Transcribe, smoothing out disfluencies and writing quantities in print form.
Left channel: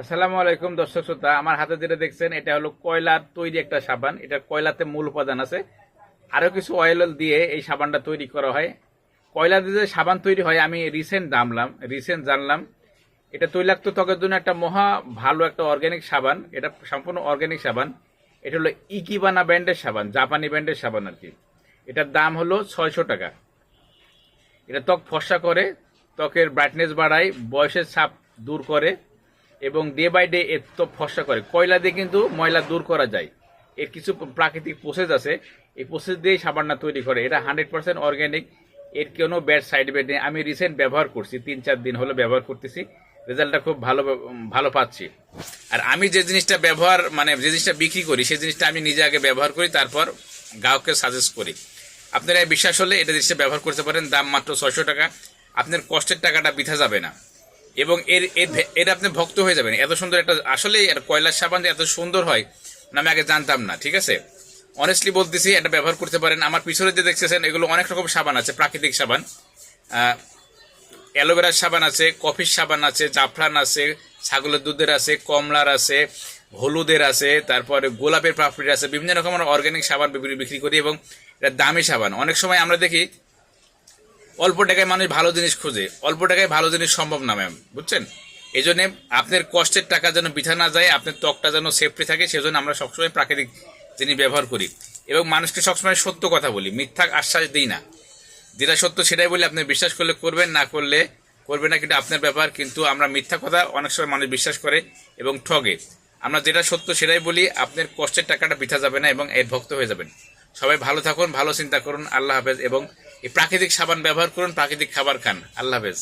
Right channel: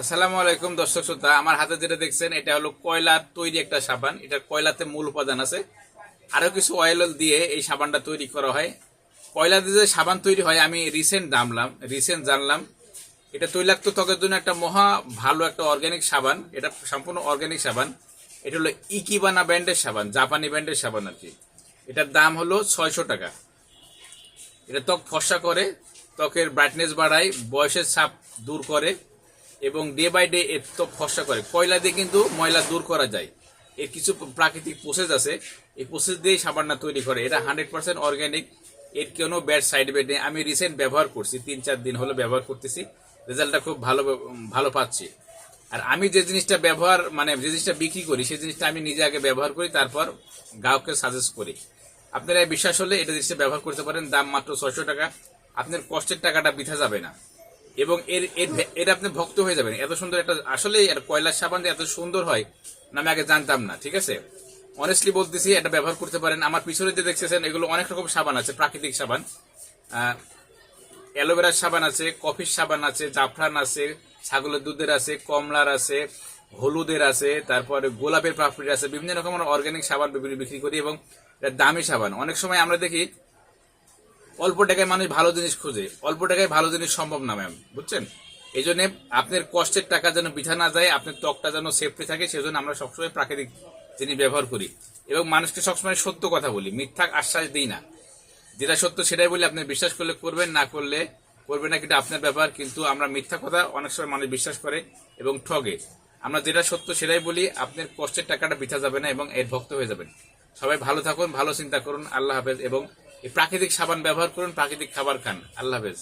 আসসালামু আলাইকুম দর্শক শ্রোতা, আমার হাতে যেটা দেখছেন এটা হলো কয়লার তৈরি একটা সাবান। এটা কয়লাতে মূল উপাদান আছে, আরো কিছু অয়েল দিয়ে এই সাবানটা তৈরি করা হয়। কয়লা দিয়ে যে সাবান তৈরি হয় আমি রিসেন্ট জানলাম এটা তৈলাক্ত ত্বকের জন্য একটা মহা ভালো একটা অর্গানিক সাবান। এটা সম্পূর্ণ অর্গানিক সাবান। এটা হলো ইকিবানা ব্র্যান্ডের সাবান, জাপানি ব্র্যান্ডের সাবান আর কি। এটার দাম হলো 600 টাকা। এটা ত্বক ফর্সা করে, ত্বকের ব্রাইটনেস বাড়ায়, বয়সের ছাপ দূর করে এবং ডে বাই ডে এর ত্বক ফর্সা করে। কয়লা দিয়ে কিন্তু ময়লা দূর করা যায়। এর কিছু প্রাকৃতিক প্রসেস আছে, এই প্রসেস দিয়েই সাবানটা তৈরি করে। এটা 100% অর্গ্যানিক, এর কোনো ব্যাড সাইড ইফেক্ট নেই। আমি রিসেন্ট ব্যবহার করছি, 3-4 দিন হলো ব্যবহার করতেছি, রেজাল্টটা খুব ভালো ভালো পাচ্ছি। আর আমি যে জিনিসটা ব্যবহার যে জিনিসটা বিক্রি করি সেই জিনিসটা আমি নিজে আগে ব্যবহার করি, তারপর গ্রাহককে সাজেস্ট করি। আপনারা বিশ্বাস হলে এটা জিনিসটা ব্যবহার করতে পারেন। দাম মাত্র 600 টাকা। আপনার কষ্টের টাকাটা বৃথা যাবে না এবং এর এর এর আপনি ভক্ত হয়ে যাবেন। এত সুন্দর একটা, আসলে কয়লার সাবান যে এত সুন্দর হয় না আমি আগে জানতাম না। ঠিক আছে, অনেস্টলি বলতেছি, এটা ব্যবহার করতে পারেন। আমার পিছনে যে দেখতেছেন এগুলো অনেক রকম সাবান আছে, প্রাকৃতিক সাবান। অ্যালোভেরার সাবান আছে, কফির সাবান আছে, জাফরান আছে, ছাগলের দুধের আছে, কমলার আছে, হলুদের আছে, তারপরে গোলাপের পাপড়ির আছে। বিভিন্ন রকম অর্গানিক সাবান বিক্রি করি এবং এটা দামি সাবান। অনেক সময় আমরা দেখি অল্প টাকায় মানুষ ভালো জিনিস খুঁজে, অল্প টাকায় ভালো জিনিস সম্ভব না ম্যাম, বুঝছেন? এই জন্য আপনার কষ্টের টাকা যেন বৃথা না যায়, আপনার ত্বকটা যেন সেফটি থাকে, সেজন্য আমরা সবসময় প্রাকৃতিক জিনিস ব্যবহার করি এবং মানুষকে সবসময় সত্য কথা বলি, মিথ্যা আশ্বাস দিই না। যেটা সত্য সেটাই বলি, আপনি বিশ্বাস করলে করবেন, না করলে করবেন না, কিন্তু আপনার ব্যাপার। কিন্তু আমরা মিথ্যা কথা অনেক সময় মানুষ বিশ্বাস করে এবং ঠগে। আমরা যেটা সত্য সেটাই বলি, আপনার কষ্টের টাকাটা বৃথা যাবে না এবং এর ভক্ত হয়ে যাবেন। সবাই ভালো থাকুন, ভালো চিন্তা করুন। আল্লাহ হাফেজ। এবং এই প্রাকৃতিক সাবান ব্যবহার করুন, প্রাকৃতিক খাবার খান। আল্লাহ হাফেজ।